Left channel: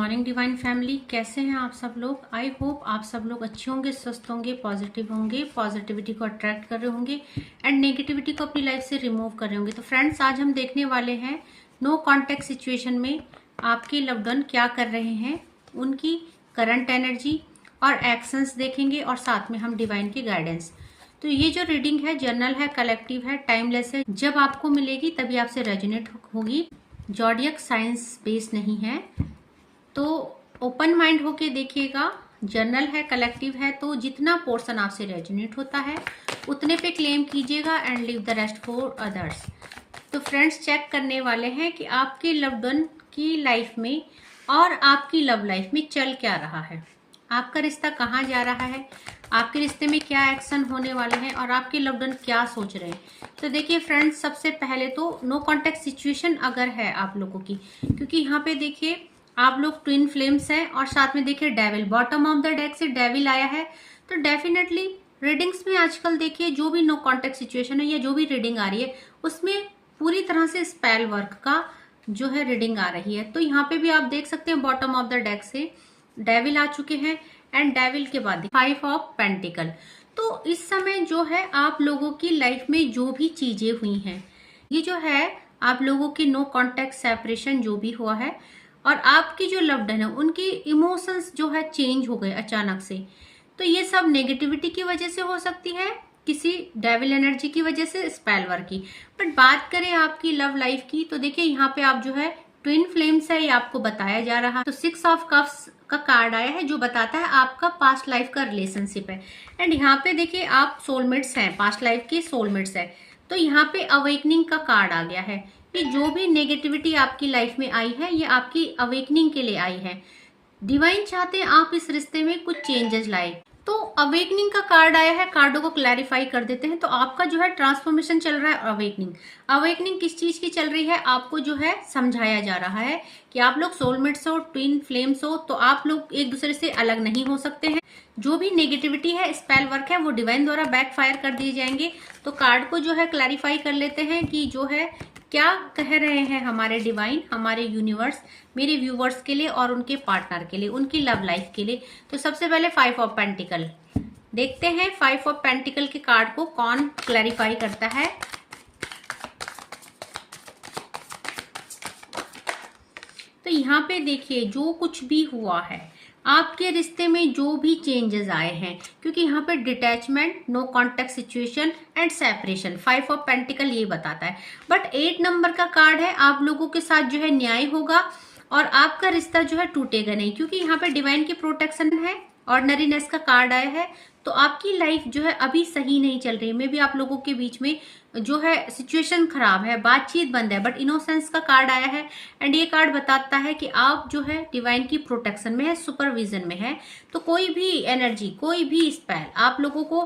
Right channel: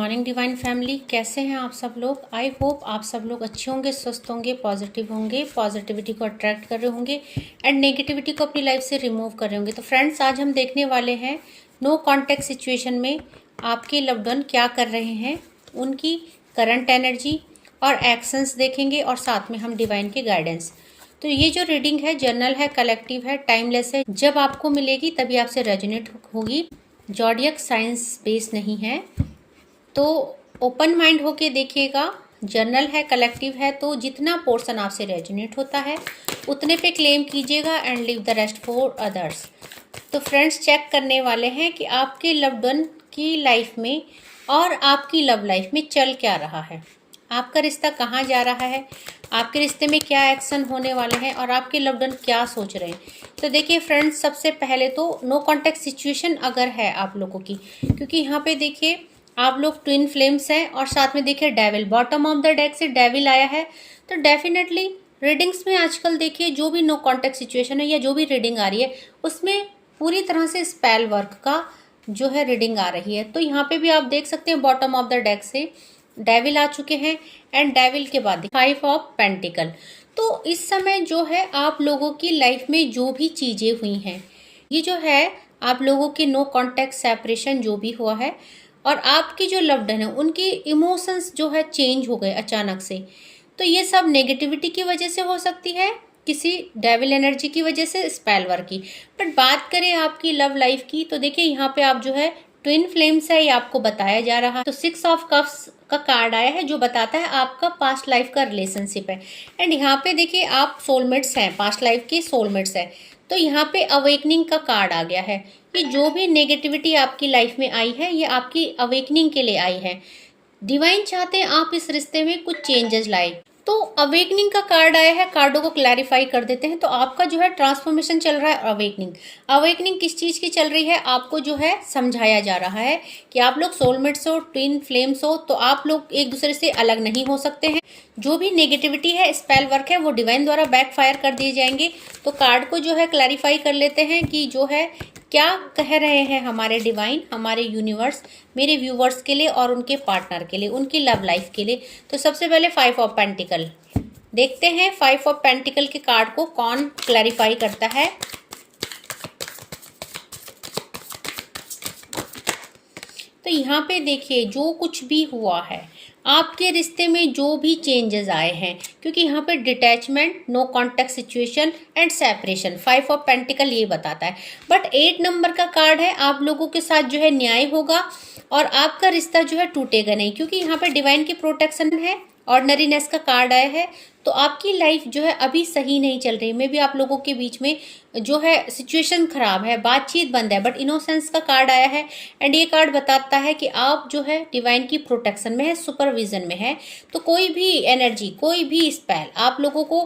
Morning divine family, कैसे हैं आप सब लोग। आई होप आप सब लोग अच्छे होंगे, स्वस्थ होंगे, पॉजिटिव होंगे, पॉजिटिविटी को अट्रैक्ट कर रहे होंगे एंड नेगेटिविटी को अपनी लाइफ से रिमूव कर रहे होंगे। तो फ्रेंड्स, आज हम देखने वाले हैं नो कॉन्टैक्ट सिचुएशन में आपके लव्ड वन क्या कर रहे हैं, उनकी करंट एनर्जी और एक्शंस देखेंगे और साथ में हम डिवाइन के गाइडेंस। तो ये जो रीडिंग है जर्नल है, कलेक्टिव है, टाइमलेस है। जब आपको मिलेगी तभी आपसे रेजोनेट होगी। जॉडियक साइंस बेस नहीं है, तो ओपन माइंड होके देखिएगा। जर्नल है, कलेक्टिव है, तो जितना पोर्शन आपसे रेजोनेट होता है उतने पे क्लेम कीजिएगा and leave the rest for others. तो फ्रेंड्स, चेक करने वाले हैं कि आपके लव्ड वन की लाइफ में और आपकी लव लाइफ में चल क्या रहा है, आपका रिश्ता कहाँ जा रहा है, आपके रिश्ते में क्या एक्शन होने वाले हैं और आपके लव्ड वन क्या सोच रहे हैं। तो देखिए फ्रेंड्स, सबसे पहले तो नो कॉन्टैक्ट सिचुएशन अगर है आप लोगों की, क्योंकि यहाँ पे देखिए आप लोग ट्विन फ्लेम्स हैं और साथ में देखिए devil, bottom of the deck से डेविल आया है। तो डेफिनेटली रीडिंग्स में आजकल देखिए जो भी नो कॉन्टैक्ट सिचुएशन है या जो भी रीडिंग आ रही है उसमें पूरी तरह से स्पेल वर्क का जो है रीडिंग आ रही है। तो यहाँ पे भी आप देख सकते हैं बॉटम ऑफ द डेक से डेविल आ चुके हैं एंड डेविल के बाद 5 ऑफ पेंटिकल। तो इस समय जो है आप लोगों की लाइफ में जो भी चीजें हुई हैं, ये जो है आप लोगों की नो कॉन्टैक्ट सेपरेशन जो भी हुआ है और आपकी जो लव्ड वन है उनकी इमोशंस जो है चेंज हो गए अचानक से। तो ये सब नेगेटिविटी की वजह से हो सकती है, किसी डेविल एनर्जी की वजह से, स्पेल वर्क की। बट बात करें आपकी लव लाइफ की, तो देखिए यहाँ पे आप जो है ट्विन फ्लेम्स है, ये आपको बताया जा रहा है। तो 6 ऑफ कप्स का कार्ड आया है जो बताता है आपका पास्ट लाइफ का रिलेशनशिप है एंड यहाँ पे देखिए आप सोलमेट्स हैं, पास्ट लाइफ के सोलमेट्स हैं। तो यहाँ पे अवेकनिंग का कार्ड आ गया है कि जो भी नेगेटिविटी आपकी लाइफ में आई है ये आपकी अवेकनिंग के लिए आई है। डिवाइन चाहते हैं आप इस रिश्ते में कुछ चेंजेस लाए। तो अवेकनिंग का कार्ड आया है, कार्डों को क्लैरिफाई कर देते हैं। तो आपका जो है ट्रांसफॉर्मेशन चल रहा है। अवेकनिंग, अवेकनिंग किस चीज की चल रही है, आपको जो है समझाया जा रहा है कि आप लोग सोलमेट्स हो, ट्विन फ्लेम्स हो, तो आप लोग एक दूसरे से अलग नहीं हो सकते हैं। जो भी नेगेटिविटी है, स्पेल वर्क है, वो डिवाइन द्वारा बैकफायर कर दिए जाएंगे। तो कार्ड को जो है क्लैरिफाई कर लेते हैं कि जो है क्या कह रहे हैं हमारे डिवाइन, हमारे यूनिवर्स, मेरे व्यूवर्स के लिए और उनके पार्टनर के लिए, उनकी लव लाइफ के लिए। तो सबसे पहले 5 ऑफ पेंटिकल देखते हैं। 5 ऑफ पेंटिकल के कार्ड को कौन क्लैरिफाई करता है। तो यहाँ पे देखिए जो कुछ भी हुआ है, आपके रिश्ते में जो भी चेंजेस आए हैं, क्योंकि यहाँ पे detachment, no contact situation and separation, 5 of pentacle ये बताता है। बट 8 नंबर का कार्ड है, आप लोगों के साथ जो है न्याय होगा और आपका रिश्ता जो है टूटेगा नहीं, क्योंकि यहाँ पे डिवाइन की प्रोटेक्शन है। ऑर्डनरीनेस का कार्ड आया है। तो आपकी लाइफ जो है अभी सही नहीं चल रही, मे भी आप लोगों के बीच में जो है सिचुएशन खराब है, बातचीत बंद है। बट इनोसेंस का कार्ड आया है एंड ये कार्ड बताता है कि आप जो है डिवाइन की प्रोटेक्शन में है, सुपरविजन में है। तो कोई भी एनर्जी, कोई भी स्पेल आप लोगों को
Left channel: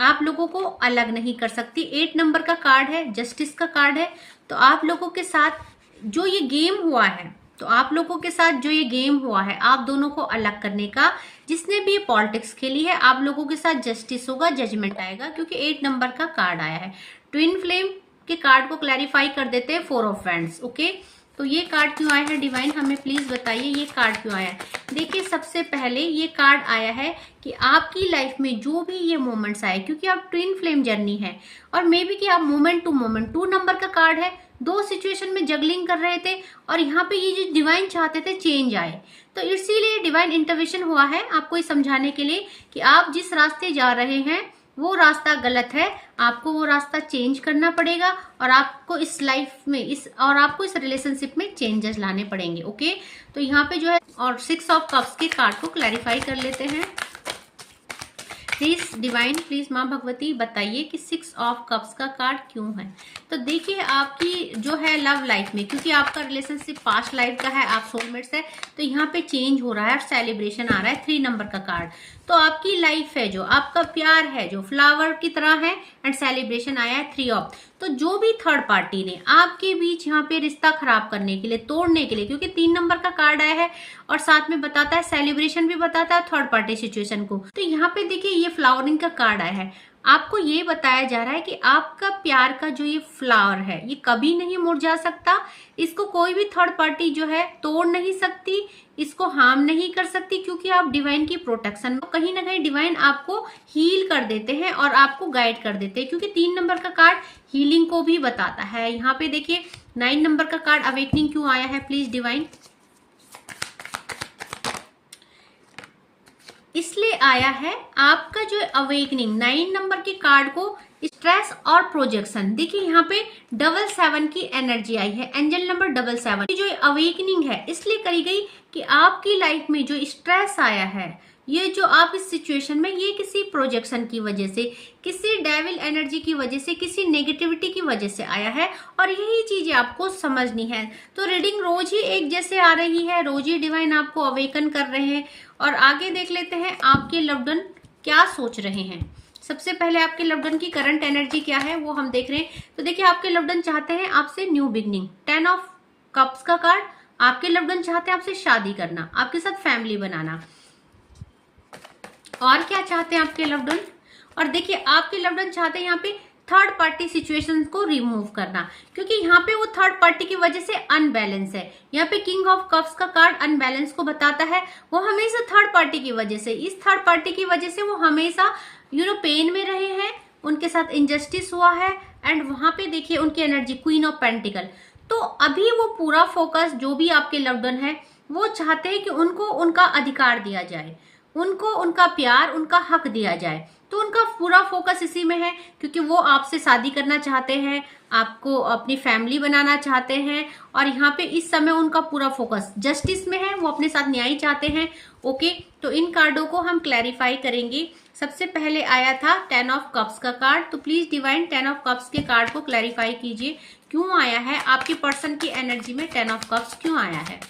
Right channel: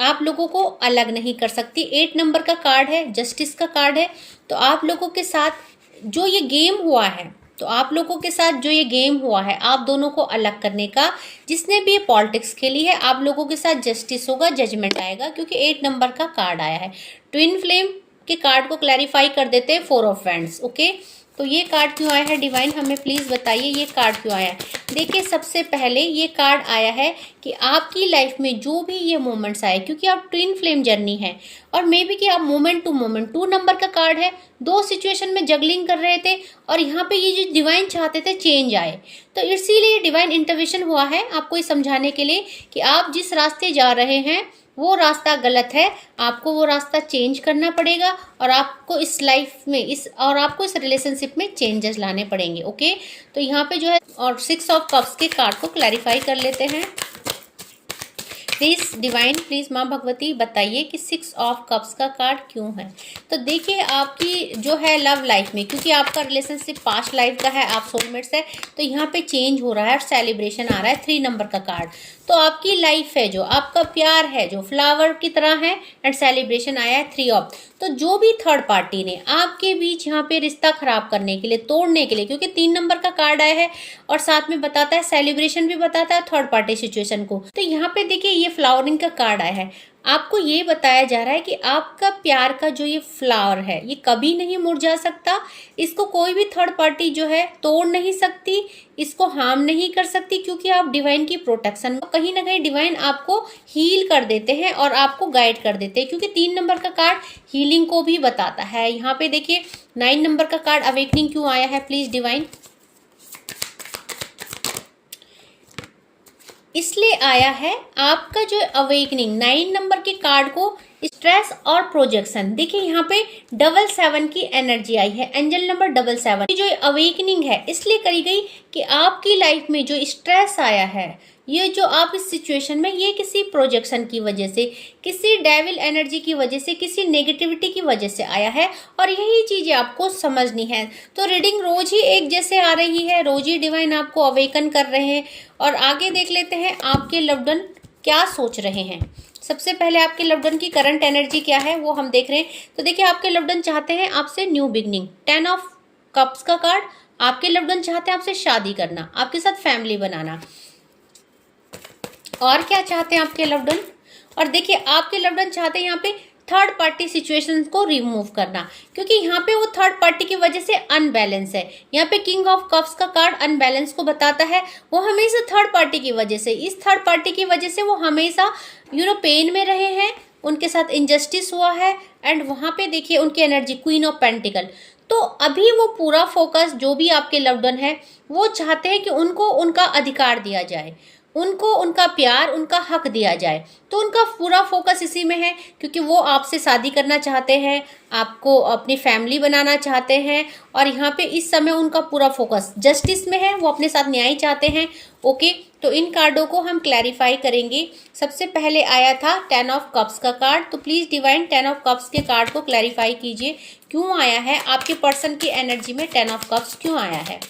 आप लोगों को अलग नहीं कर सकती। 8 नंबर का कार्ड है, जस्टिस का कार्ड है। तो आप लोगों के साथ जो ये गेम हुआ है, तो आप लोगों के साथ जो ये गेम हुआ है आप दोनों को अलग करने का, जिसने भी पॉलिटिक्स खेली है, आप लोगों के साथ जस्टिस होगा, जजमेंट आएगा, क्योंकि 8 नंबर का कार्ड आया है। ट्विन फ्लेम के कार्ड को क्लैरिफाई कर देते हैं। 4 ऑफ वैंड्स। ओके, तो ये कार्ड क्यों आया है डिवाइन, हमें प्लीज बताइए ये कार्ड क्यों आया है। देखिए सबसे पहले ये कार्ड आया है कि आपकी लाइफ में जो भी ये मोमेंट्स आए, क्योंकि आप ट्विन फ्लेम जर्नी है और मे बी कि आप मोमेंट टू मोमेंट, 2 नंबर का कार्ड है, 2 सिचुएशन में जगलिंग कर रहे थे और यहाँ पे ये जो डिवाइन चाहते थे चेंज आए। तो इसीलिए डिवाइन इंटरवेंशन हुआ है आपको ये समझाने के लिए कि आप जिस रास्ते जा रहे हैं वो रास्ता गलत है, आपको वो रास्ता चेंज करना पड़ेगा और आपको इस लाइफ में आपको इस रिलेशनशिप में चेंजेस लाने पड़ेंगे। ओके, तो यहाँ पे जो है और 6 ऑफ कप्स के कार्ड को क्लैरिफाई कर लेते हैं। प्लीज डिवाइन, प्लीज माँ भगवती बताइए कि 6 ऑफ कप्स का कार्ड क्यों है। तो देखिए आपकी जो है लव लाइफ में, क्योंकि आपका रिलेशनशिप पास्ट लाइफ का है, आप सोलमेट्स है, तो यहाँ पे चेंज हो रहा है और सेलिब्रेशन आ रहा है। 3 नंबर का कार्ड, तो आपकी लाइफ है जो आपका प्यार है जो फ्लावर की तरह है एंड सेलिब्रेशन आया है 3 ऑफ। तो जो भी थर्ड पार्टी ने आपके बीच यहाँ पे रिश्ता खराब करने के लिए, तोड़ने के लिए, क्योंकि 3 नंबर का कार्ड आया है और साथ में बताता है सेलिब्रेशन भी बताता है थर्ड पार्टी सिचुएशन को। तो यहाँ पे देखिए ये फ्लावरिंग का कार्ड आया है। आपको ये बताया जा रहा है कि आपका प्यार का जो ये फ्लावर है ये कभी नहीं मुरझा सकता, इसको कोई भी थर्ड पार्टी जो है तोड़ नहीं सकती, इसको हार्म नहीं कर सकती, क्योंकि आप डिवाइन की प्रोटेक्शन में कहीं ना कहीं डिवाइन आपको हील कर देते हैं और आपको गाइड कर देते हैं, क्योंकि 3 नंबर का कार्ड हीलिंग को भी बताता है। यहाँ पे देखिए 9 नंबर का कार्ड अवेकनिंग क्यों आया है प्लीज डिवाइन? इसलिए आया है आपका जो अवेकनिंग 9 नंबर के कार्ड को स्ट्रेस और प्रोजेक्शन। देखिए यहाँ पे 777 की एनर्जी आई है, एंजल नंबर 777 जो अवेकनिंग है इसलिए करी गई कि आपकी लाइफ में जो स्ट्रेस आया है, ये जो आप इस सिचुएशन में, ये किसी प्रोजेक्शन की वजह से, किसी डेविल एनर्जी की वजह से, किसी नेगेटिविटी की वजह से आया है और यही चीजें आपको समझनी है। तो रीडिंग रोज ही एक जैसे आ रही है, रोज ही डिवाइन आपको अवेकन कर रहे हैं। और आगे देख लेते हैं आपके लव्ड वन क्या सोच रहे हैं। सबसे पहले आपके लव्ड वन की करंट एनर्जी क्या है वो हम देख रहे हैं। तो देखिए आपके लव्ड वन चाहते हैं आपसे न्यू बिगनिंग, 10 ऑफ कप्स का कार्ड। आपके लव्ड वन चाहते हैं आपसे शादी करना, आपके साथ फैमिली बनाना। और क्या चाहते हैं आपके लव्ड वन? और देखिए आपके लव्ड वन चाहते हैं यहाँ पे थर्ड पार्टी सिचुएशंस को रिमूव करना, क्योंकि यहाँ पे वो थर्ड पार्टी की वजह से अनबैलेंस है। यहाँ पे किंग ऑफ कप्स का कार्ड अनबैलेंस को बताता है, वो हमेशा थर्ड पार्टी की वजह से, इस थर्ड पार्टी की वजह से वो हमेशा पेन में रहे हैं, उनके साथ इनजस्टिस हुआ है। एंड वहां पे देखिए उनकी एनर्जी क्वीन ऑफ पेंटिकल। तो अभी वो पूरा फोकस जो भी आपके लव्ड वन है वो चाहते हैं कि उनको उनका अधिकार दिया जाए, उनको उनका प्यार, उनका हक दिया जाए। तो उनका पूरा फोकस इसी में है, क्योंकि वो आपसे शादी करना चाहते हैं, आपको अपनी फैमिली बनाना चाहते हैं। और यहाँ पे इस समय उनका पूरा फोकस जस्टिस में है, वो अपने साथ न्याय चाहते हैं। ओके, तो इन कार्डों को हम क्लैरिफाई करेंगे। सबसे पहले आया था 10 ऑफ कप्स का कार्ड, तो प्लीज डिवाइन 10 ऑफ कप्स के कार्ड को क्लैरिफाई कीजिए, क्यों आया है आपके पर्सन की एनर्जी में 10 ऑफ कप्स क्यों आया है।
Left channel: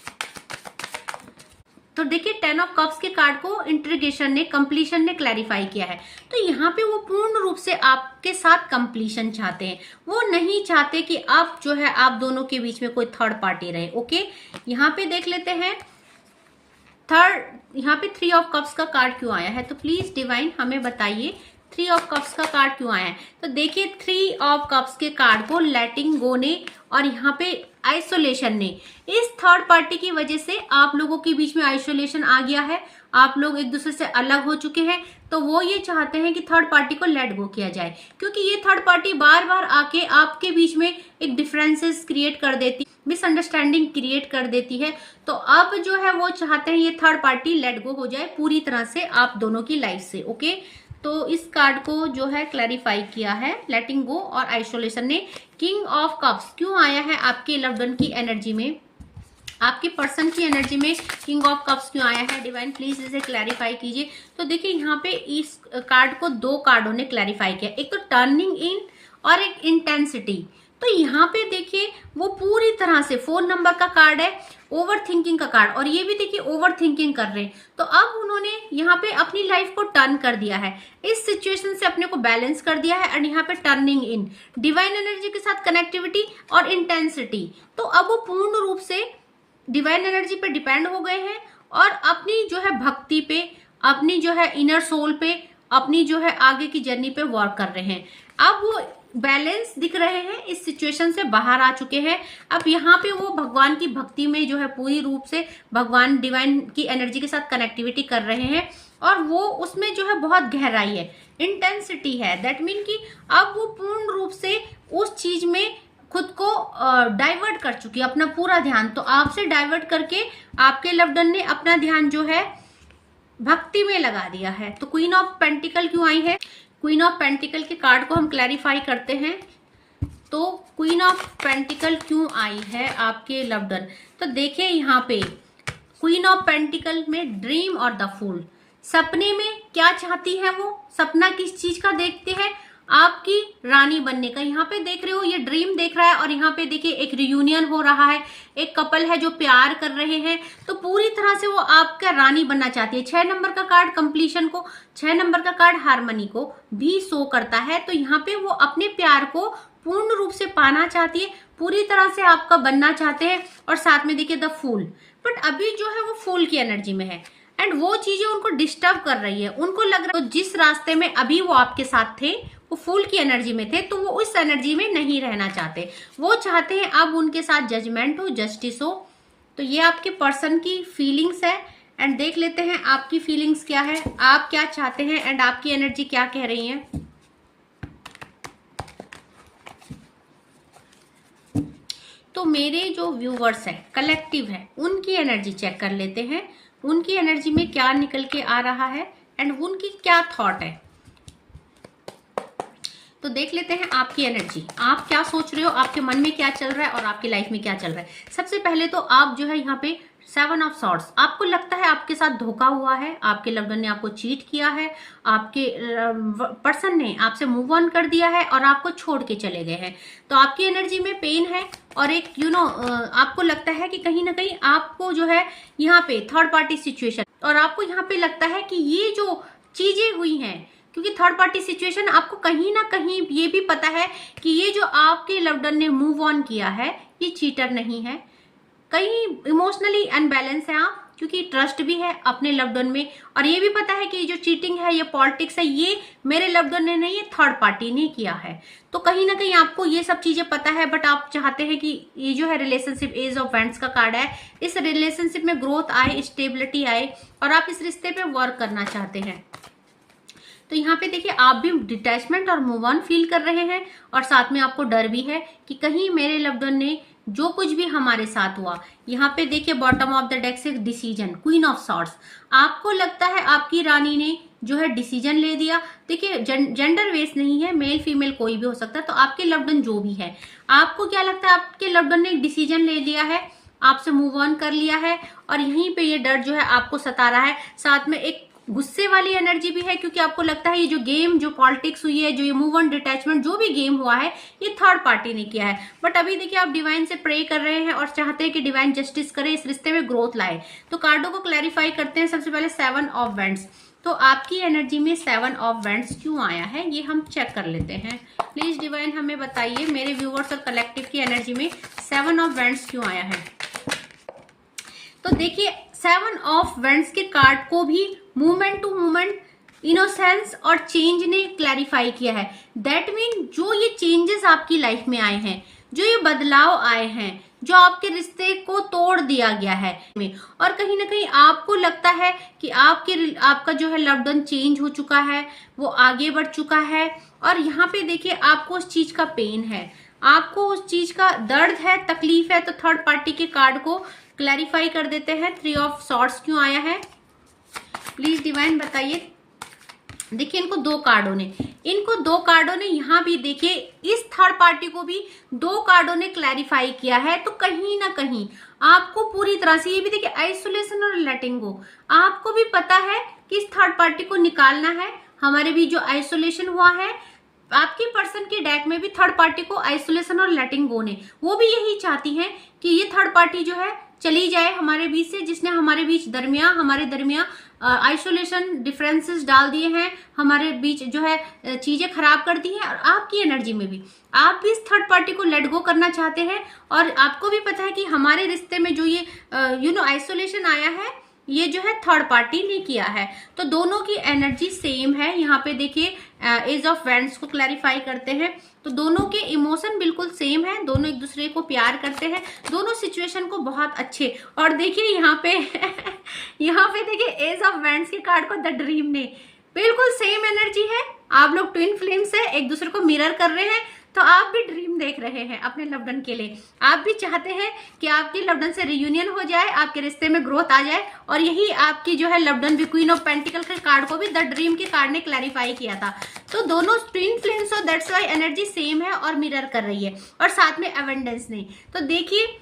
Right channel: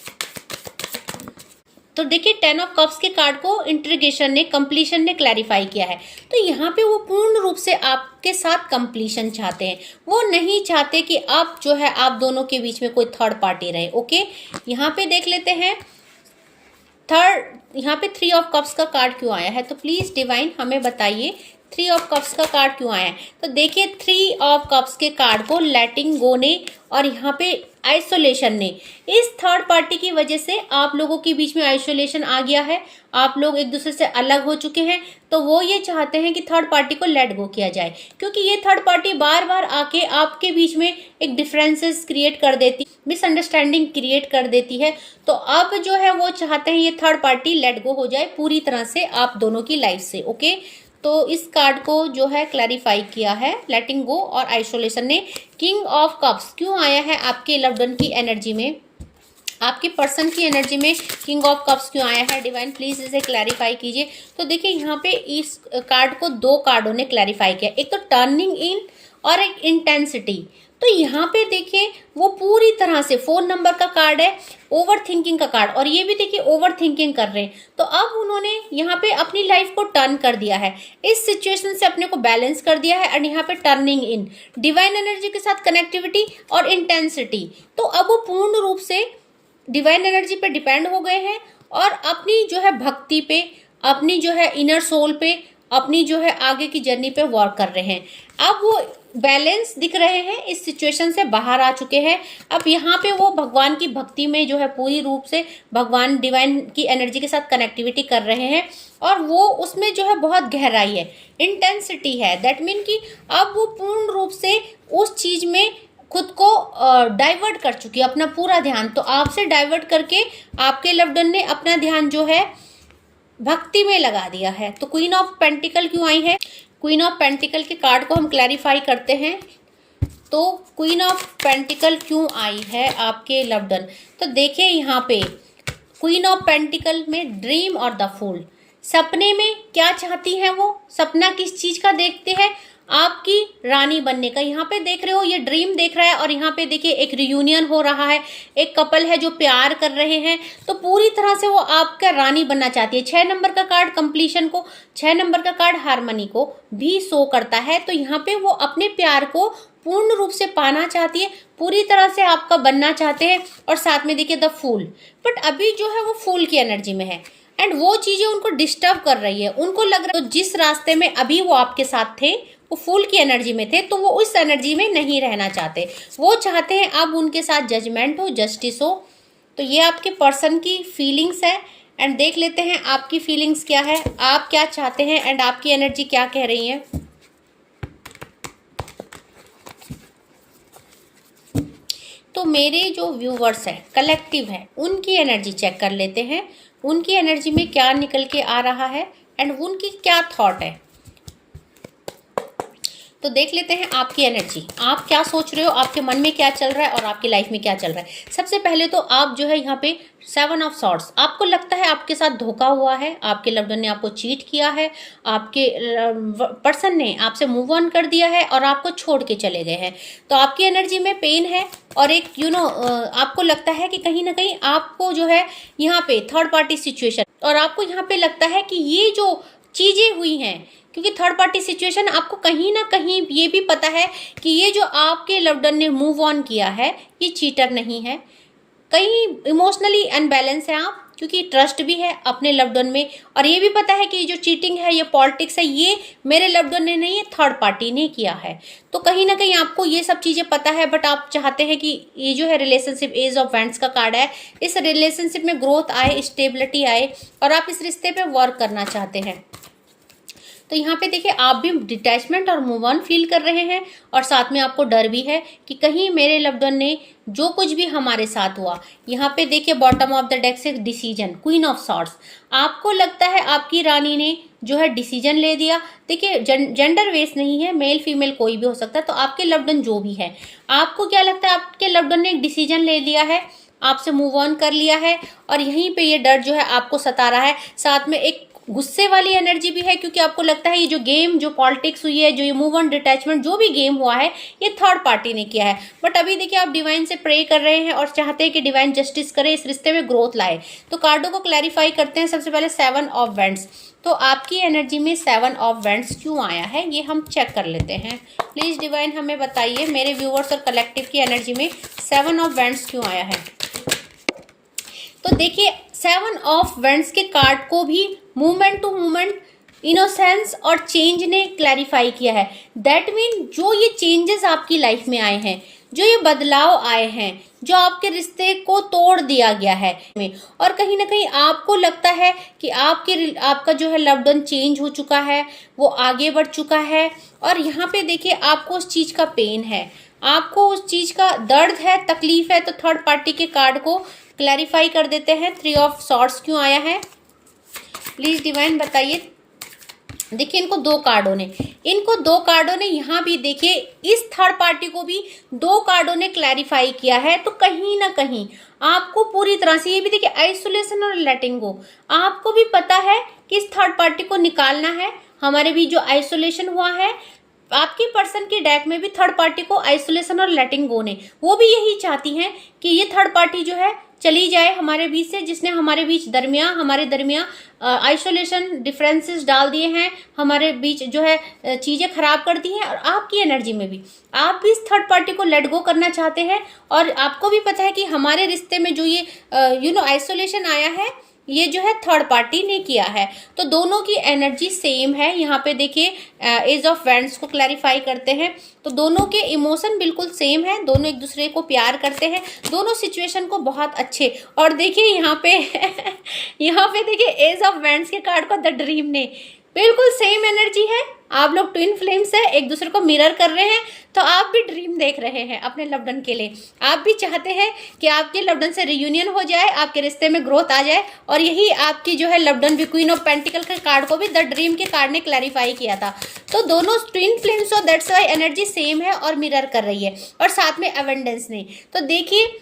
तो देखिए 10 ऑफ कप्स के कार्ड को इंट्रीगेशन ने, कंप्लीशन ने क्लैरिफाई किया है। तो यहाँ पे वो पूर्ण रूप से आपके साथ कंप्लीशन चाहते हैं, वो नहीं चाहते कि आप जो है आप दोनों के बीच में कोई थर्ड पार्टी रहे। ओके, यहाँ पे देख लेते हैं यहाँ पे 3 ऑफ कप्स का कार्ड क्यों आया है। तो प्लीज डिवाइन हमें बताइए 3 ऑफ कप्स का कार्ड क्यों आया है। तो देखिए 3 ऑफ कप्स के कार्ड को लेटिंग गो ने और यहाँ पे आइसोलेशन ने, इस थर्ड पार्टी की वजह से आप लोगों के बीच में आइसोलेशन आ गया है, आप लोग एक दूसरे से अलग हो चुके हैं। तो वो ये चाहते हैं कि थर्ड पार्टी को लेट गो किया जाए, क्योंकि ये थर्ड पार्टी बार बार आके आपके बीच में एक डिफरेंसेस क्रिएट कर देती, मिसअंडरस्टैंडिंग क्रिएट कर देती है। तो अब जो है वो चाहते हैं ये थर्ड पार्टी लेट गो हो जाए पूरी तरह से आप दोनों की लाइफ से। ओके, तो इस कार्ड को जो है क्लैरिफाई किया है लेटिंग गो और आइसोलेशन ने। किंग ऑफ कप्स क्यों आया है आपके लव्ड वन की एनर्जी में, आपके पर्सन की एनर्जी में किंग ऑफ कप्स क्यों आया है। डिवाइन प्लीज इसे क्लैरिफाई कीजिए। तो देखिए यहाँ पे इस कार्ड को 2 कार्डों ने क्लैरिफाई किया, एक तो टर्निंग इन और एक इंटेंसिटी। तो यहाँ पे देखिए वो पूरी तरह से 4 नंबर का कार्ड है, ओवर थिंकिंग का कार्ड, और ये भी देखिए ओवर थिंकिंग कर रहे हैं। तो अब उन्होंने यहाँ पे अपनी लाइफ को टर्न कर दिया है, इस सिचुएशन से अपने को बैलेंस कर दिया है। और यहाँ पे टर्निंग इन डिवाइन एनर्जी के साथ कनेक्टिविटी और इंटेंसिटी। तो अब वो पूर्ण रूप से डिवाइन एनर्जी पे डिपेंड हो गए हैं और अपनी जो है भक्ति पे, अपनी जो है इनर सोल पे, अपनी जो है आगे की जर्नी पे वर्क कर रहे हैं। अब वो बैलेंस दिख रहे हैं, इस सिचुएशन से बाहर आ चुके हैं। अब यहाँ पे वो भगवान की भक्ति में जो है पूरी रूप से भगवान डिवाइन की एनर्जी के साथ कनेक्टिविटी कर रहे हैं और वो उसमें जो है बहुत गहराई है, इंटेंसिटी है। दैट मीन कि अब वो पूर्ण रूप से उस चीज में खुद को डाइवर्ट कर चुकी है, अपना पूरा ध्यान। तो आपसे डाइवर्ट करके आपके लव्ड वन ने अपना ध्यान जो है भक्ति में लगा दिया है। तो क्वीन ऑफ पेंटिकल क्यों आई है, क्वीन ऑफ पेंटिकल के कार्ड को हम क्लैरिफाई करते हैं। तो क्वीन ऑफ पेंटिकल क्यों आई है आपके लव्ड वन। तो देखिए यहाँ पे क्वीन ऑफ पेंटिकल में ड्रीम और द फूल, सपने में क्या चाहती हैं वो, सपना किस चीज का देखते हैं, आपकी रानी बनने का। यहाँ पे देख रहे हो ये ड्रीम देख रहा है और यहाँ पे देखिए एक रियूनियन हो रहा है, एक कपल है जो प्यार कर रहे हैं। तो पूरी तरह से वो आपका रानी बनना चाहती है। 6 नंबर का कार्ड कंप्लीशन को, 6 नंबर का कार्ड हार्मनी को भी शो करता है। तो यहाँ पे वो अपने प्यार को पूर्ण रूप से पाना चाहती है, पूरी तरह से आपका बनना चाहते हैं। और साथ में देखिए द फूल, बट अभी जो है वो फूल की एनर्जी में है। एंड वो चीजें उनको डिस्टर्ब कर रही है, उनको लग रहा है तो जिस रास्ते में अभी वो आपके साथ थे, वो फूल की एनर्जी में थे, तो वो उस एनर्जी में नहीं रहना चाहते। वो चाहते हैं अब उनके साथ जजमेंट हो, जस्टिस हो। तो ये आपके पर्सन की फीलिंग्स है। एंड देख लेते हैं आपकी फीलिंग्स क्या है, आप क्या चाहते हैं एंड आपकी एनर्जी क्या कह रही है। तो मेरे जो व्यूवर्स है, कलेक्टिव है, उनकी एनर्जी चेक कर लेते हैं, उनकी एनर्जी में क्या निकल के आ रहा है एंड उनकी क्या थॉट है। तो देख लेते हैं आपकी एनर्जी, आप क्या सोच रहे हो, आपके मन में क्या चल रहा है और आपकी लाइफ में क्या चल रहा है। सबसे पहले तो आप जो है यहाँ पे 7 ऑफ सॉर्ड्स, आपको लगता है आपके साथ धोखा हुआ है, आपके लव्ड वन ने आपको चीट किया है, आपके पर्सन ने आपसे मूव ऑन कर दिया है और आपको छोड़ के चले गए हैं। तो आपकी एनर्जी में पेन है और एक आपको लगता है कि कहीं ना कहीं आपको जो है यहाँ पे थर्ड पार्टी सिचुएशन, और आपको यहाँ पे लगता है कि ये जो चीजें हुई हैं, क्योंकि थर्ड पार्टी सिचुएशन, आपको कहीं ना कहीं ये भी पता है कि ये जो आपके लव्ड वन ने मूव ऑन किया है ये चीटर नहीं है, कहीं इमोशनली अनबैलेंस है आप, क्योंकि ट्रस्ट भी है अपने लव्ड वन में, और ये भी पता है कि ये जो चीटिंग है, ये पॉलिटिक्स है, ये मेरे लव्ड वन ने नहीं, ये थर्ड पार्टी ने किया है। तो कहीं ना कहीं आपको ये सब चीजें पता है, बट आप चाहते हैं कि ये जो है रिलेशनशिप, एज ऑफ वैंड्स का कार्ड है, इस रिलेशनशिप में ग्रोथ आए, स्टेबिलिटी आए और आप इस रिश्ते पे वर्क करना चाहते हैं। तो यहाँ पे देखिए आप भी डिटैचमेंट और मूव ऑन फील कर रहे हैं, और साथ में आपको डर भी है कि कहीं मेरे लव्ड वन ने जो कुछ भी हमारे साथ हुआ। यहाँ पे देखिए बॉटम ऑफ द डेक से डिसीजन, क्वीन ऑफ सॉर्ड्स, आपको लगता है आपकी रानी ने जो है डिसीजन ले दिया। देखिए जेंडर वेस नहीं है, मेल फीमेल कोई भी हो सकता है। तो आपके लव्ड वन जो भी है, आपको क्या लगता है आपके लव्ड वन ने एक डिसीजन ले लिया है, आपसे मूव ऑन कर लिया है, और यहीं पे ये डर जो है आपको सता रहा है। साथ में एक गुस्से वाली एनर्जी भी है, क्योंकि आपको लगता है ये जो गेम, जो पॉलिटिक्स हुई है, जो ये मूव ऑन डिटैचमेंट, जो भी गेम हुआ है, ये थर्ड पार्टी ने किया है। बट अभी देखिए आप डिवाइन से प्रे कर रहे हैं और चाहते हैं कि डिवाइन जस्टिस करे, इस रिश्ते में ग्रोथ लाए। तो कार्डों को क्लैरिफाई करते हैं। सबसे पहले 7 ऑफ वैंड्स, तो आपकी एनर्जी में 7 ऑफ वैंड्स क्यों आया है ये हम चेक कर लेते हैं। प्लीज डिवाइन हमें बताइए मेरे व्यूअर्स और कलेक्टिव की एनर्जी में 7 ऑफ वैंड्स क्यों आया है। तो देखिए 7 ऑफ वैंड्स के कार्ड को भी मूवमेंट टू मूवमेंट, इनोसेंस और चेंज ने क्लैरिफाई किया है। दैट मीन जो ये चेंजेस आपकी लाइफ में आए हैं, जो ये बदलाव आए हैं, जो आपके रिश्ते को तोड़ दिया गया है और कहीं ना कहीं आपको लगता है कि आपका जो है लव्ड वन चेंज हो चुका है, वो आगे बढ़ चुका है, और यहाँ पे देखिए आपको उस चीज का पेन है, आपको उस चीज का दर्द है, तकलीफ है। तो थर्ड पार्टी के कार्ड को क्लैरिफाई कर देते हैं। 3 ऑफ सॉर्ड्स क्यों आया है, प्लीज डिवाइन बताइए। देखिए इनको दो कार्डों ने यहाँ भी देखिए इस थर्ड पार्टी को भी 2 कार्डों ने क्लैरिफाई किया है। तो कहीं ना कहीं आपको पूरी तरह से, ये भी देखिए आइसोलेशन और लेटिंग गो, आपको भी पता है कि इस थर्ड पार्टी को निकालना है। हमारे भी जो आइसोलेशन हुआ है, आपकी पर्सन की डेक में भी थर्ड पार्टी को आइसोलेशन और लेटिंग गो ने, वो भी यही चाहती हैं कि ये थर्ड पार्टी जो है चली जाए हमारे बीच से, जिसने हमारे दरमियान आइसोलेशन डिफरेंसेस डाल दिए हैं, हमारे बीच जो है चीजें खराब कर दी हैं। और आपकी एनर्जी में भी आप भी इस थर्ड पार्टी को लेट गो करना चाहते हैं, और आपको भी पता है कि हमारे रिश्ते में जो ये आइसोलेशन आया है, ये जो है थर्ड पार्टी ने किया है। तो दोनों की एनर्जी सेम है। यहाँ पे देखिए एज ऑफ वैंड्स को क्लैरिफाई करते हैं, तो दोनों के इमोशन बिल्कुल सेम है, दोनों एक दूसरे को प्यार करते हैं, दोनों सिचुएशन को बहुत अच्छे। और देखिए यहाँ पे यहाँ पे देखिए एज ऑफ वैंड्स के कार्ड को द ड्रीम ने, बिल्कुल सेम एनर्जी है। आप लोग ट्विन फ्लेम्स है, एक दूसरे को मिरर कर रहे हैं। तो आप भी ड्रीम देख रहे हैं अपने लव्ड वन के लिए, आप भी चाहते हैं कि आपके लव्ड वन से रियूनियन हो जाए, आपके रिश्ते में ग्रोथ आ जाए। और यही आपकी जो है लव्ड वन भी क्वीन ऑफ पेंटिकल के कार्ड को भी द ड्रीम के कार्ड ने क्लैरिफाई किया था। तो दोनों ट्विन फ्लेम्स, और दैट्स व्हाई एनर्जी सेम है और मिरर कर रही है। और साथ में अवेंडेंस ने, तो देखिए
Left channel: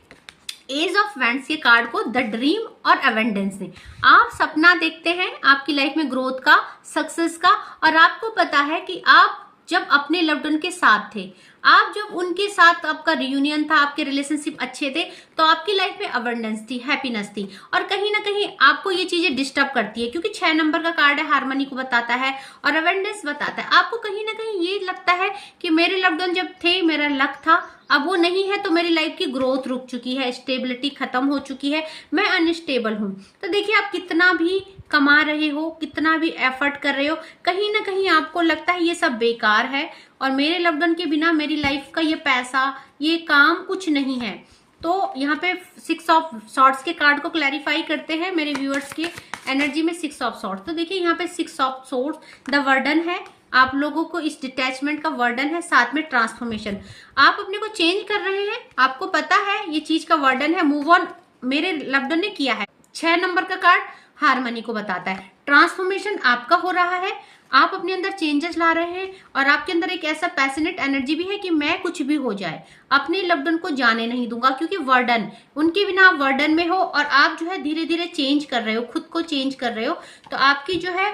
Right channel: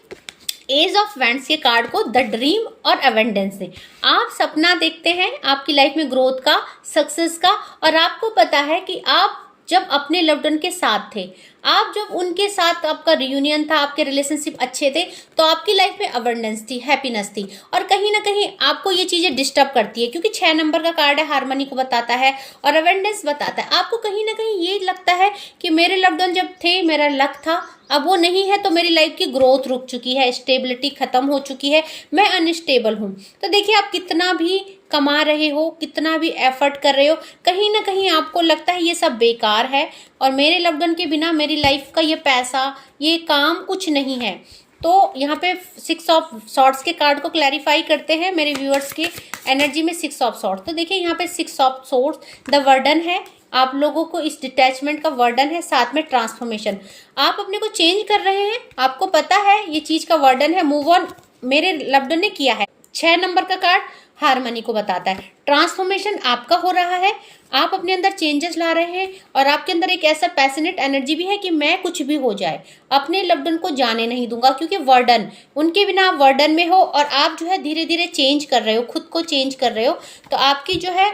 एज ऑफ वैंड्स के कार्ड को द ड्रीम और अवेंडेंस से, आप सपना देखते हैं आपकी लाइफ में ग्रोथ का, सक्सेस का, और आपको पता है कि आप जब अपने लव्ड वन के साथ थे, आप जब उनके साथ आपका रियूनियन था, आपके रिलेशनशिप अच्छे थे, तो आपकी लाइफ में अबंडेंस थी, हैप्पीनेस थी। और कहीं ना कहीं आपको ये चीजें डिस्टर्ब करती है, क्योंकि 6 नंबर का कार्ड है, हार्मनी को बताता है और अबंडेंस बताता है। आपको कहीं ना कहीं ये लगता है कि मेरे लव्ड वन जब थे, मेरा लक था, अब वो नहीं है, तो मेरी लाइफ की ग्रोथ रुक चुकी है, स्टेबिलिटी खत्म हो चुकी है, मैं अनस्टेबल हूँ। तो देखिए आप कितना भी कमा रहे हो, कितना भी एफर्ट कर रहे हो, कहीं ना कहीं आपको लगता है ये सब बेकार है और मेरे लव्ड वन के बिना मेरी लाइफ का ये पैसा, ये काम कुछ नहीं है। तो यहाँ पे 6 ऑफ सॉर्ड्स के कार्ड को क्लैरिफाई करते हैं मेरे व्यूअर्स के एनर्जी में। 6 ऑफ सॉर्ड्स, तो देखिए यहाँ पे 6 ऑफ सॉर्ड्स द वर्डन है, आप लोगों को इस डिटैचमेंट का वर्डन है, साथ में ट्रांसफॉर्मेशन। आप अपने को चेंज कर रहे हैं, आपको पता है ये चीज का वर्डन है, मूव ऑन मेरे लव्ड वन ने किया है। 6 नंबर का कार्ड हार्मनी को बताता है, ट्रांसफॉर्मेशन आपका हो रहा है, आप अपने अंदर चेंजेस ला रहे हैं और आपके अंदर एक ऐसा पैशनेट एनर्जी भी है कि मैं कुछ भी हो जाए अपने लव्ड वन को जाने नहीं दूंगा, क्योंकि वर्डन, उनके बिना आप वर्डन में हो और आप जो है धीरे धीरे चेंज कर रहे हो, खुद को चेंज कर रहे हो। तो आपकी जो है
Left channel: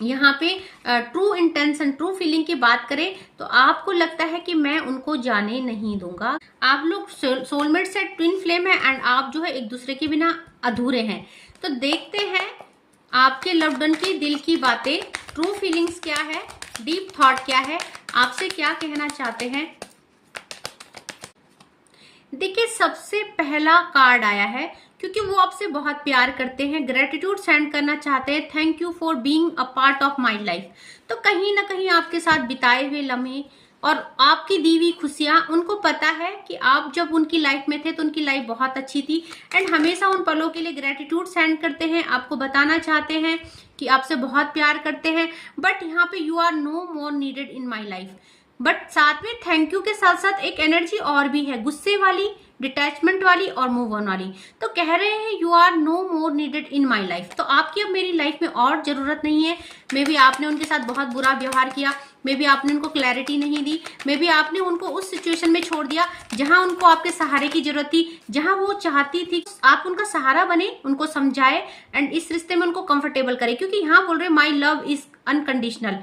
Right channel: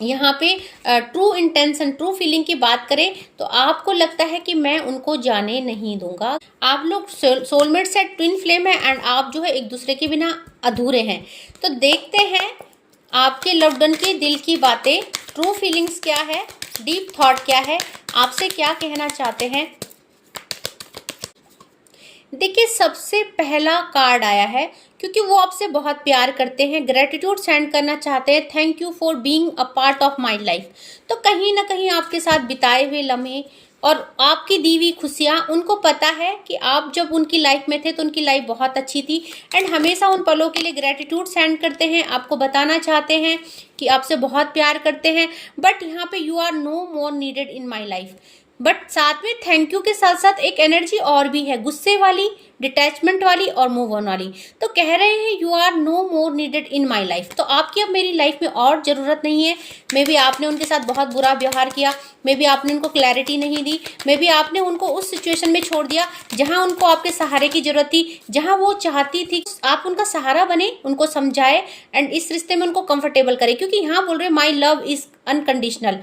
यहाँ पे ट्रू इंटेंशन, ट्रू फीलिंग की बात करें तो आपको लगता है कि मैं उनको जाने नहीं दूंगा। आप लोग सोलमेट से ट्विन फ्लेम है एंड आप जो है एक दूसरे के बिना अधूरे हैं। तो देखते हैं आपके लव्ड वन के दिल की बातें, ट्रू फीलिंग्स क्या है, डीप थॉट क्या है, आपसे क्या कहना चाहते हैं। देखिए सबसे पहला कार्ड आया है, क्योंकि वो आपसे बहुत प्यार करते हैं, ग्रेटिट्यूड सेंड करना चाहते हैं, thank you for being a part of my life. तो कहीं ना कहीं आपके साथ बिताए हुए लम्हे और आपकी दी हुई खुशियाँ, उनको पता है कि आप जब उनकी लाइफ में थे तो उनकी लाइफ बहुत अच्छी थी एंड हमेशा उन पलों के लिए ग्रेटिट्यूड सेंड करते हैं, आपको बताना चाहते हैं कि आपसे बहुत प्यार करते हैं। बट यहाँ पे you are no more needed in my life. But साथ में थैंक यू के साथ साथ एक एनर्जी और भी है, गुस्से वाली, डिटैचमेंट वाली और मूव ऑन वाली। तो कह रहे हैं you are no more needed in my life. तो आपकी अब मेरी लाइफ में और ज़रूरत नहीं है। मे बी आपने उनके साथ बहुत बुरा व्यवहार किया, मे बी आपने उनको क्लैरिटी नहीं दी, मे बी आपने उनको उस सिचुएशन में छोड़ दिया जहां उनको आपके सहारे की जरूरत थी, जहां वो चाहती थी आप उनका सहारा बने, उनको समझाए एंड इस रिश्ते में उनको कंफर्टेबल करे। क्योंकि यहाँ बोल रहे माई लव इज अनकंडीशनल,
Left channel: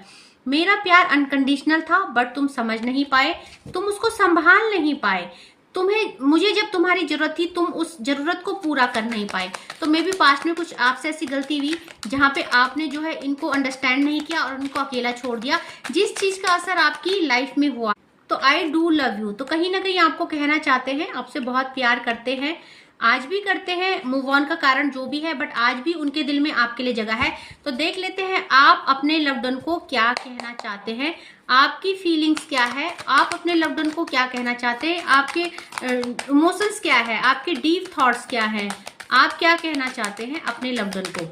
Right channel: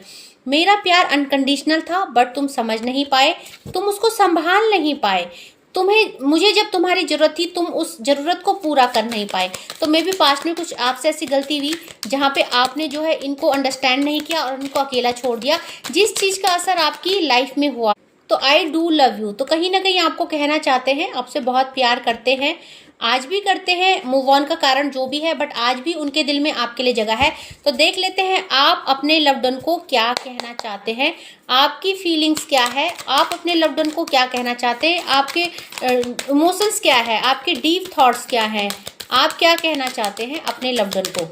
मेरा प्यार अनकंडीशनल था बट तुम समझ नहीं पाए, तुम उसको संभाल नहीं पाए, तुम्हें, मुझे जब तुम्हारी जरूरत थी तुम उस जरूरत को पूरा कर नहीं पाए। तो मे भी पास्ट में कुछ आपसे ऐसी गलती हुई जहाँ पे आपने जो है इनको अंडरस्टैंड नहीं किया और उनको अकेला छोड़ दिया, जिस चीज़ का असर आपकी लाइफ में हुआ। तो आई डू लव यू, तो कहीं ना कहीं आपको कहना चाहते हैं, आपसे बहुत प्यार करते हैं, आज भी करते हैं, मूव ऑन का कारण जो भी है बट आज भी उनके दिल में आपके लिए जगह है। तो देख लेते हैं आप अपने लव्ड वन को क्या कहना चाहते हैं, आपकी फीलिंग्स क्या है, आप अपने लव्ड वन को क्या कहना चाहते हैं, आपके इमोशंस क्या है, आपके डीप थॉट्स क्या हैं, आप क्या कहना चाहते हैं अपने लव्ड वन को।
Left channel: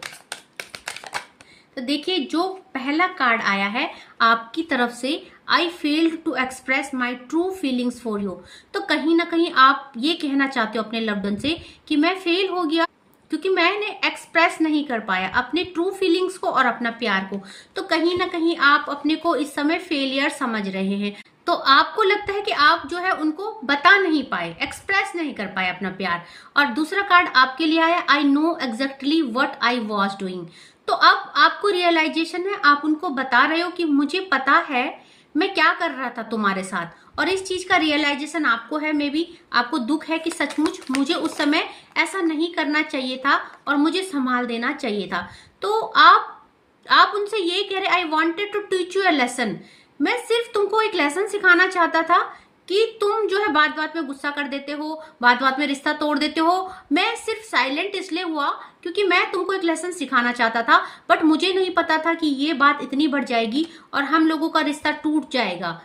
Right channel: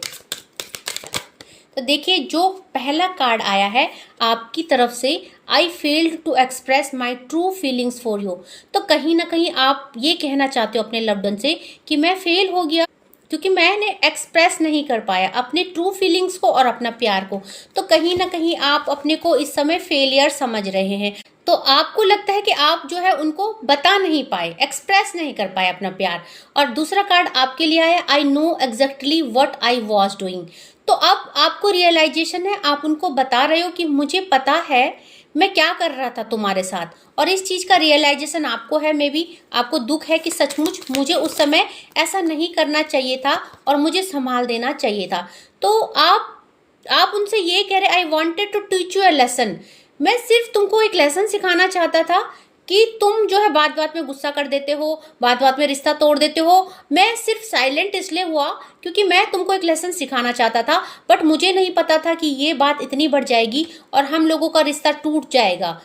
तो देखिए जो पहला कार्ड आया है आपकी तरफ से, I failed to express my true feelings for you. तो कहीं ना कहीं आप ये कहना चाहते हो अपने लव्ड वन से कि मैं फेल हो गया क्योंकि मैंने एक्सप्रेस नहीं कर पाया अपने ट्रू फीलिंग्स को और अपना प्यार को। तो कहीं ना कहीं आप अपने को इस समय फेलियर समझ रहे हैं। तो आपको लगता है कि आप जो है उनको बता नहीं पाए, एक्सप्रेस नहीं कर पाए अपना प्यार। और दूसरा कार्ड आपके लिए आया, I know exactly what I was doing. तो अब आपको रियलाइजेशन है, आप उनको बता रहे हो कि मुझे पता है मैं क्या कर रहा था तुम्हारे साथ, और इस चीज का रियलाइजेशन आपको है। मे बी आपको दुख है कि सचमुच मुझे उस समय ऐसा नहीं करना चाहिए था और मुझे संभाल देना चाहिए था। तो आप उनसे ये कह रहे, I wanted to teach you a lesson, मैं सिर्फ तुमको एक लेसन सिखाना चाहता था कि तुम जो है बात बात में गुस्सा कर देते हो, बात बात में रिश्ता तोड़ देते हो। मैं सिर्फ साइलेंट इसलिए हुआ क्योंकि मैं तुमको एक लेसन सिखाना चाहता था, बट मुझे नहीं पता था कि ये बात इतनी बढ़ जाएगी और हम लोगों का रिश्ता टूट जाएगा।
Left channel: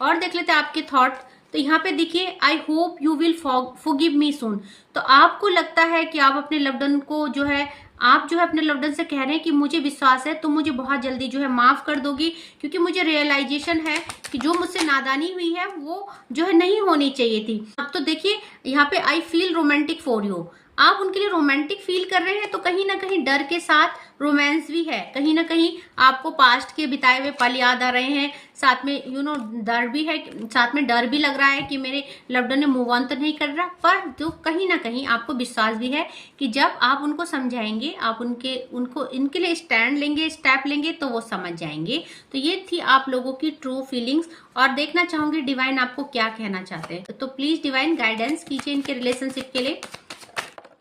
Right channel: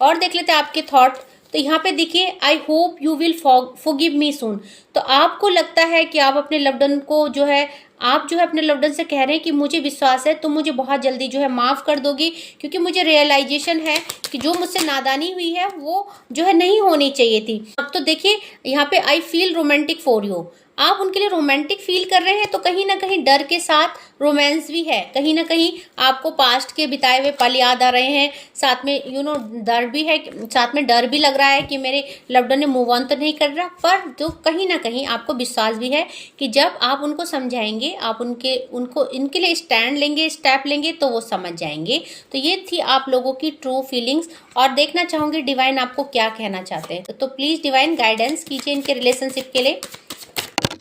और देख लेते हैं आपके थॉट। तो यहाँ पे देखिए, I hope you will forgive me soon. तो आपको लगता है कि आप अपने लव्ड वन को जो है, आप जो है अपने लव्ड वन से कह रहे हैं कि मुझे विश्वास है तुम मुझे बहुत जल्दी जो है माफ़ कर दोगी, क्योंकि मुझे रियलाइजेशन है कि जो मुझसे नादानी हुई है वो जो है नहीं होनी चाहिए थी। अब तो देखिए यहाँ पे I feel romantic for you, आप उनके लिए रोमांटिक फील कर रहे हैं। तो कहीं ना कहीं डर के साथ रोमांस भी है, कहीं ना कहीं आपको पास्ट के बिताए हुए पल याद आ रहे हैं, साथ में डर भी है, साथ में डर भी लग रहा है कि मेरे लव्ड वन ने मूव ऑन तो नहीं कर रहा। पर जो कहीं ना कहीं आपको विश्वास भी है कि जब आप उनको समझाएंगे, आप उनको इनके लिए स्टैंड लेंगे, स्टेप लेंगे तो वो समझ जाएंगे। तो ये थी आप लोगों की ट्रू फीलिंग्स। और देखना चाहूंगी डिवाइन आपको क्या कहना चाहते हैं। तो प्लीज डिवाइन गाइडेंस कीजिए इनके रिलेशनशिप के लिए।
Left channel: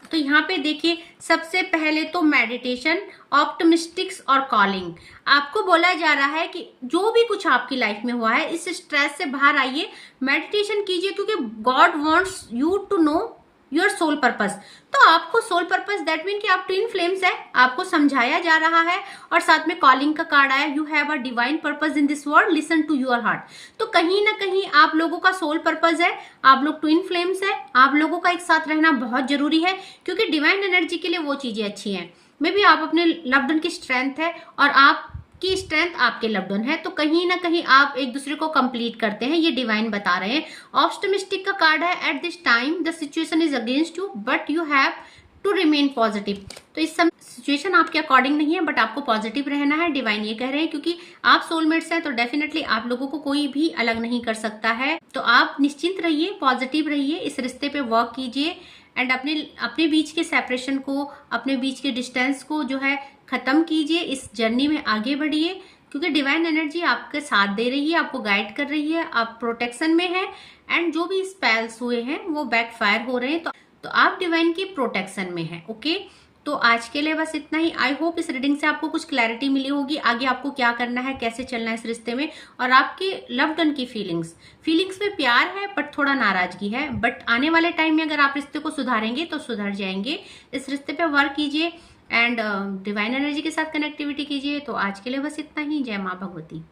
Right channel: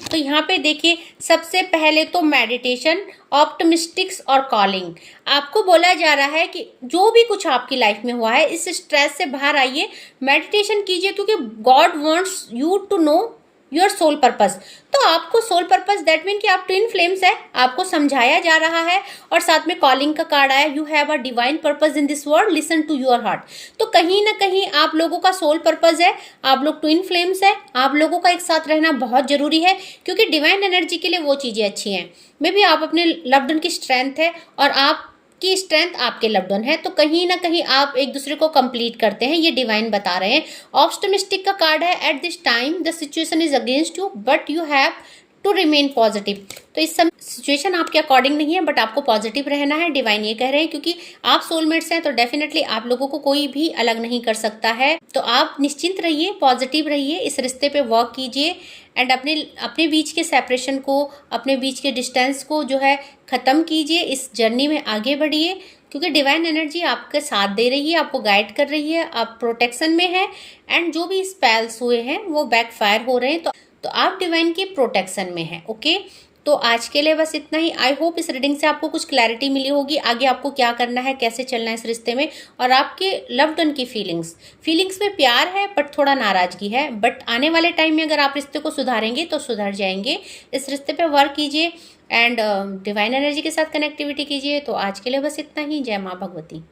तो यहाँ पे देखिए, सबसे पहले तो मेडिटेशन, ऑप्टिमिस्टिक्स और कॉलिंग। आपको बोला जा रहा है कि जो भी कुछ आपकी लाइफ में हुआ है इस स्ट्रेस से बाहर आइए, मेडिटेशन कीजिए, क्योंकि God wants you to know your soul purpose. तो आपको सोल पर्पस दैट मीन कि आप ट्विन फ्लेम्स है, आपको समझाया जा रहा है और साथ में कॉलिंग का कार्ड आया, you have a divine purpose in this world, listen to your heart. तो कहीं ना कहीं आप लोगों का सोल पर्पस है, आप लोग ट्विन फ्लेम्स है, आप लोगों का एक साथ रहना बहुत जरूरी है, क्योंकि डिवाइन एनर्जी के लिए वो चीजें अच्छी हैं। मे बी आप अपने लव्ड वन की स्ट्रेंथ है और आप की स्ट्रेंथ आपके लव्ड वन है, तो कहीं ना कहीं आप एक दूसरे को कंप्लीट करते हैं, ये डिवाइन बता रहे हैं। ऑप्टिमिस्टिक का कार्ड है, at this time the situation is against you but you have to remain positive. तो इस समय सिचुएशन आपके अकॉर्डिंग नहीं है बट आपको पॉजिटिव रहना है, डिवाइन ये कह रहे हैं, क्योंकि आप सोलमेट्स हैं तो डेफिनेटली आप लोगों को कोई भी अलग नहीं कर सकता है। तो आप निश्चिंत रहिए, पॉजिटिव रहिए, इस रिश्ते पे वर्क कीजिए एंड अपने अपने बीच के सेपरेशन को, अपने बीच के डिस्टेंस को जो है ख़त्म कीजिए, इस जर्नी में आगे बढ़िए, क्योंकि डिवाइन एनर्जी आपके साथ दे रही है, आपको गाइड कर रही है, आप प्रोटेक्शन में हैं एंड जो भी स्पेल्स हुए हैं वो बैकफायर हो रहे हैं, तो आप डिवाइन की प्रोटेक्शन में हैं। ओके, तो आज के लिए बस इतना ही। आई होप इस रीडिंग से आपको कुछ क्लैरिटी मिली होगी, आगे आपको क्या करना है, कैसे चलना है इस रिश्ते में, और आपके लव्ड वन की फीलिंग्स में प्यार है बट थोड़ा नाराजगी है, बट आने वाले टाइम में अगर आप रिश्ते को सुधारेंगे तो सुधर जाएंगे। इस रिश्ते पे वर्क कीजिए एंड डिवाइन एनर्जी के साथ कनेक्टिविटी कीजिए। तो आज के लिए बस इतना ही। जय माँ भगवती।